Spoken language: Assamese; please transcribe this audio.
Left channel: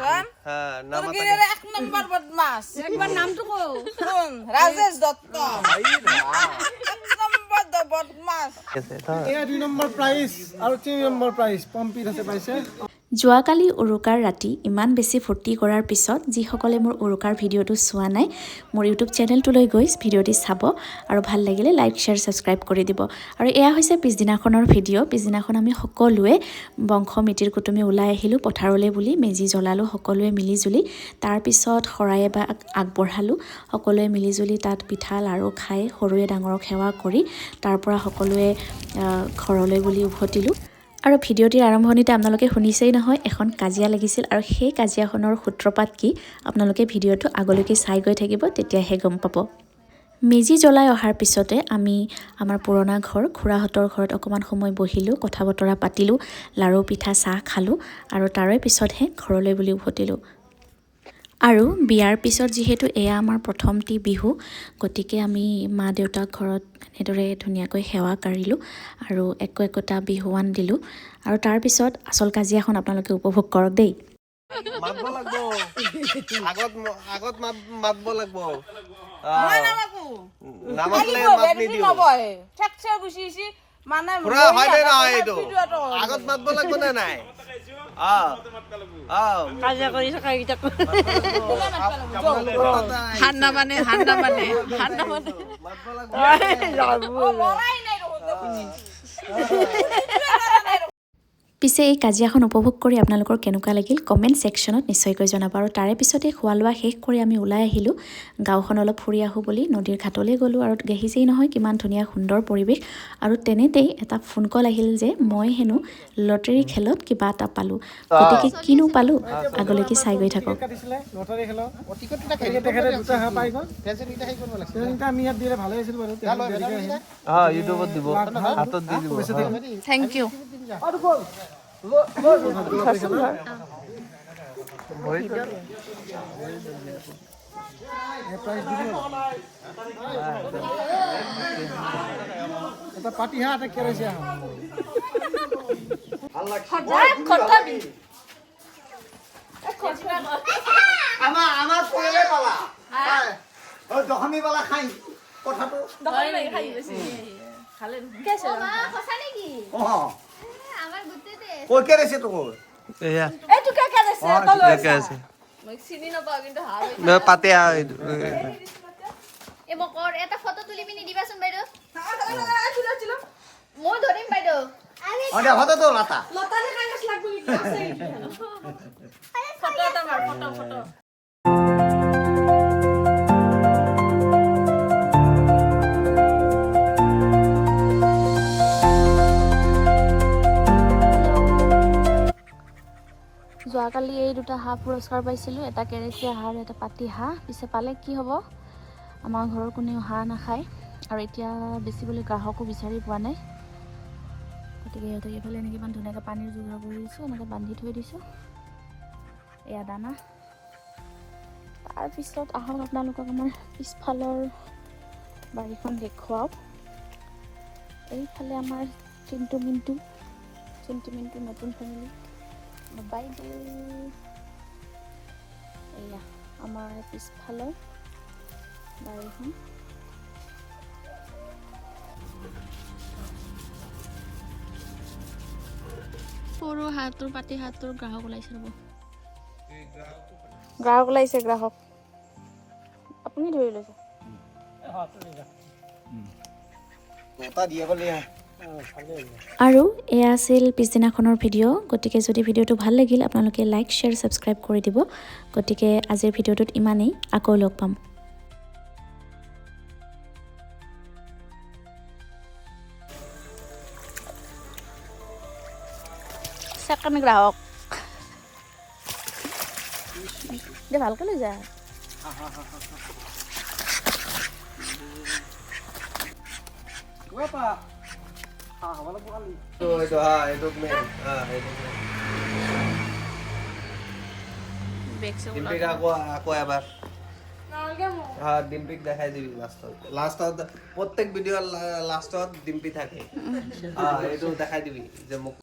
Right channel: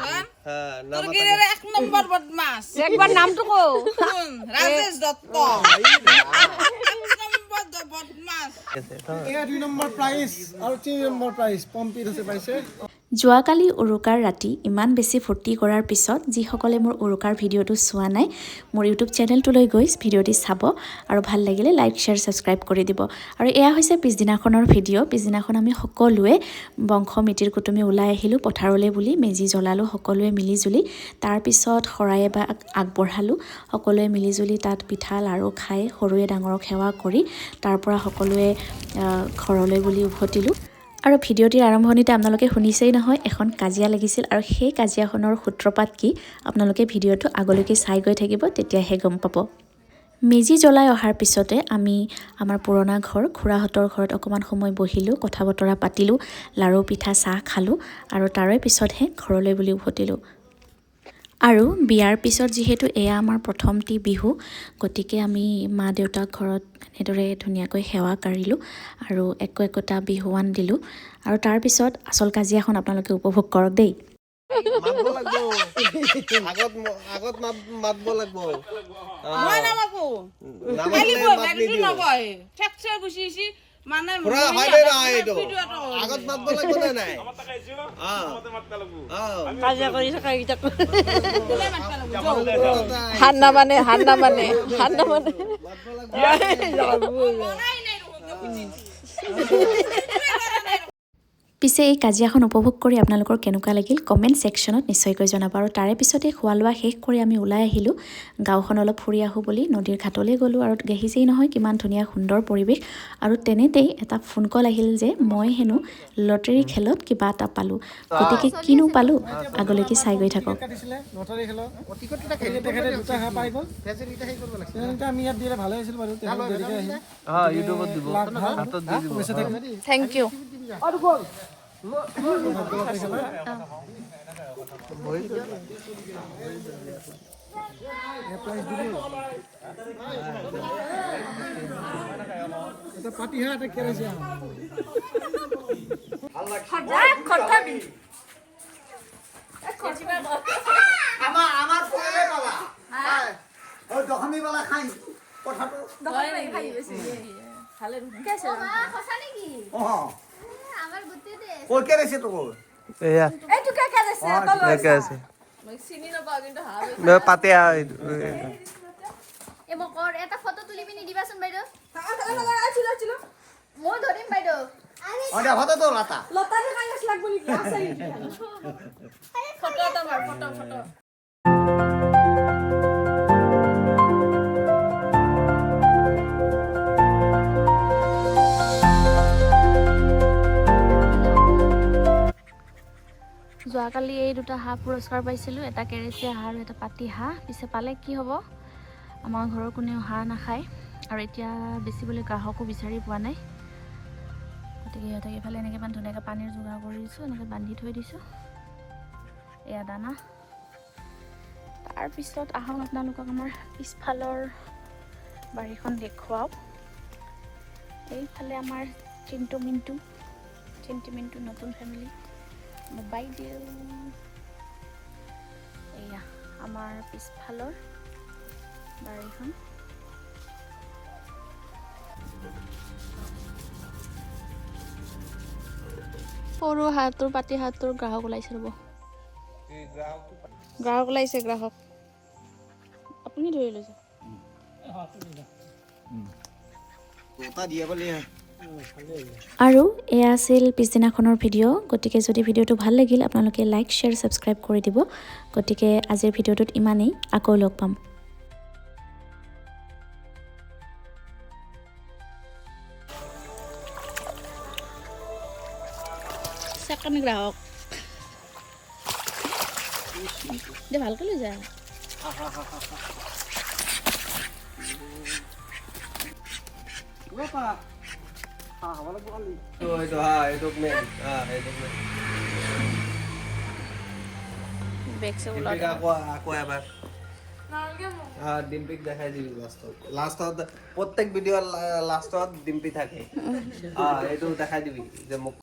হ্যাঁ তোর গিরের 1 নম্বর বদমাশ একবার নামটা কো শুন রাজেশ দত্ত 1 নম্বর বদমাশ এয়া 2 নম্বৰ প্ৰাইজ আৰু 3 নম্বৰ প্ৰাইজ পম্পি আছে পাইছে যোৱাকালি উৰুকাৰ ৰাতি ইমান বেছি ফূৰ্তি কৰাৰ পিছত যিসকলে মোৰ উৰুকাৰ ভিডিঅ'টো চোৱা নাই মোৰ ইউটিউব চেনেলটোলৈ গৈ ভিডিঅ'টি চাব আৰু ভাল লাগিলে লাইক শ্বেয়াৰ ছাবস্ক্ৰাইব কৰি দিব আৰু এয়া হৈছে পিছদিনাখনৰ ভিডিঅ' পিছদিনাখন আমি সকলোৱে বংশ মিতিৰ কুটুমী ওলাই আহিলোঁ পথাৰলৈ বুলি মেজি জ্বলালোঁ সকলোৱে মিলিজুলি তাৰপিছত শৰাই এভাগ আগবঢ়ালোঁ সকলোৱে মিলিজুলি তাত পিঠা লাৰু খাই সৰুৱে ডাঙৰক সেৱা কৰি তাৰপৰা সকলোৱে ঘৰলৈ বুলি উভতিলোঁ আৰু ভিডিঅ'টিৰ আৰম্ভণিতে আপোনালোকে শুনিছেই নহয় এখন কাজিয়া লাগিছিল আৰু সেই কাজিয়াখনৰ সূত্ৰপাত কি আপোনালোকে ভিডিঅ'টো আগলৈকে চাই গৈ থাকিব তেতিয়াহে গম পাব মেজি জ্বলাই অহাৰ পিছতে আমি আমাৰ পুৰণা ঘৰ খুৰাহঁতৰ ঘৰত অকণমান সময় বহিলোঁ কথা বতৰা পাতিলোঁ লাৰু পিঠা চাহ খালোঁ আৰু তাৰে পিছতহে ঘৰলৈ বুলি উভতিলোঁ আৰু বিয়াৰ পিছত যিহেতু এয়া আমাৰ প্ৰথমটি বিহু গতিকে আমি মা দেউতাক ঘৰত এনেদৰে ধুনীয়াকৈ সেৱা কাঢ়িলোঁ আৰু একোটা বিহুৱান দিলোঁ আৰু তাৰপিছত আচল কাজিয়াখন আপোনালোকে উপভোগ কৰক দেই মাতব লাগব আগত মাতব লাগব মই নামাকো নামাকলে ভেলু নবয় ঠেকছে গুছিছি মানে আগত মাতব লাগব না নাই কাজিয়া কৰি থকা কিটা হান্না মানে পিছে এই কাজিয়াখন উপভোগ কৰি আপোনালোকৰ কেনেকুৱা লাগিল কমেণ্ট ছেকশ্যনত নিশ্চয়কৈ জনাব আৰু তাৰে পিছতে খোৱা লোৱা শেষ কৰি আমি ওলাই আহিলোঁ গাঁওখন অলপ ফুৰি আহোঁ বুলি নদীৰ ঘাটলৈ গ'লোঁ আৰু দেখিছেই নহয় কিমান ধুনীয়া সুন্দৰ পৰিৱেশ আৰু তেনেতেই এটা ফোন কল আহিল যে মই হেনো লটাৰী খেলত কিবা এটা পালোঁ গতিকে কিনো পালোঁ আগলৈকে চাই গৈ থাকক লটাৰী খেলত তেখেতে দুটা হাঁহ পাই গ'ল আমি ইয়াত দিলে ভালে আছিল বাৰু দেৰিকৈ আহিম ইউটিউবত দিব হাতত দি দিব থ্যাংক ইউ এটা পাতি হাঁহ এটা কেৰাইছে আমার পড়ে পালা ওই দহমি বালা খাই কথাটো দহমি খাই বেশি খালে কেছে কথা নাকি ও আমার গুতে দে কই কেরেছে তো এয়া এই তো কে কেছে তো কে আছে মই চিনি না পাও কিন্তু হাবে পাতে এ মকৰ এটা ফটো তুলি মিনি দিবাচোন বাইদেউ ছিল মই ধৰিম বাইদেউ আৰে হতা তো লতা লতাৰে কাগজ লাগবে কি আছে ফটো এটা মাৰ ফটো যোৱাকালি এই দুটা হাঁহ পুৰস্কাৰ পাইছিলোঁ এটা কেৰেচীয়া হাঁহ আৰু এটা পাতি হাঁহ পিছে পালে কি হ'ব আমাৰ ঘৰৰ কোনেও হাঁহ নাখায় আৰু এতিয়া বেচিবলৈ গ্ৰাহকো বিচাৰি পোৱা নাই গতিকে সিহঁতক এইফালে এনেকৈ ইমান ধুনীয়াকৈ পানীৰ যোগাৰ কৰি দিছোঁ এনেকৈ বান্ধি থৈ দিছোঁ এয়া দানা তাৰপিছত আহক আপোনালোকক আমাৰ পিছফালৰ বাৰীখন দেখুৱাওঁ এইফালে আমাৰ চিন্তু মিণ্টু নতুন ফেমিলি বাইদেউ এয়া আমাৰ পিছফালৰ বাৰীখন সৰু হাঁহটোৰ পাতি হাঁহটোৰ গ্ৰাহক ওলাইছে ৰ'ব গ্ৰাহক ওলাইছে গ্ৰাহক আপুনি ধৰি লৈছে আৰু এয়া আছিল পিছদিনাখনৰ ভিডিঅ' গতিকে যদি ভিডিঅ'টো ভাল লাগিল আপোনালোকে লাইক শ্বেয়াৰ ছাবস্ক্ৰাইব কৰি দিব গতিকে আজিৰ ভিডিঅ'টোত ইমানেই আকৌ লগ পাম সেকেন্ড গ্রাহক দে ভালকে লৈ যায় ওপা হা হওয়ালা বকালি এইটো বেগ সে উলা আকৌ এবাৰ ডিম্পিক দেখাই দিবি লাষ্টত প্ৰত্যেক ভিডিঅ' লাষ্টত ডিম্পি থাকে এইটো দেখাই দিবি যে মোক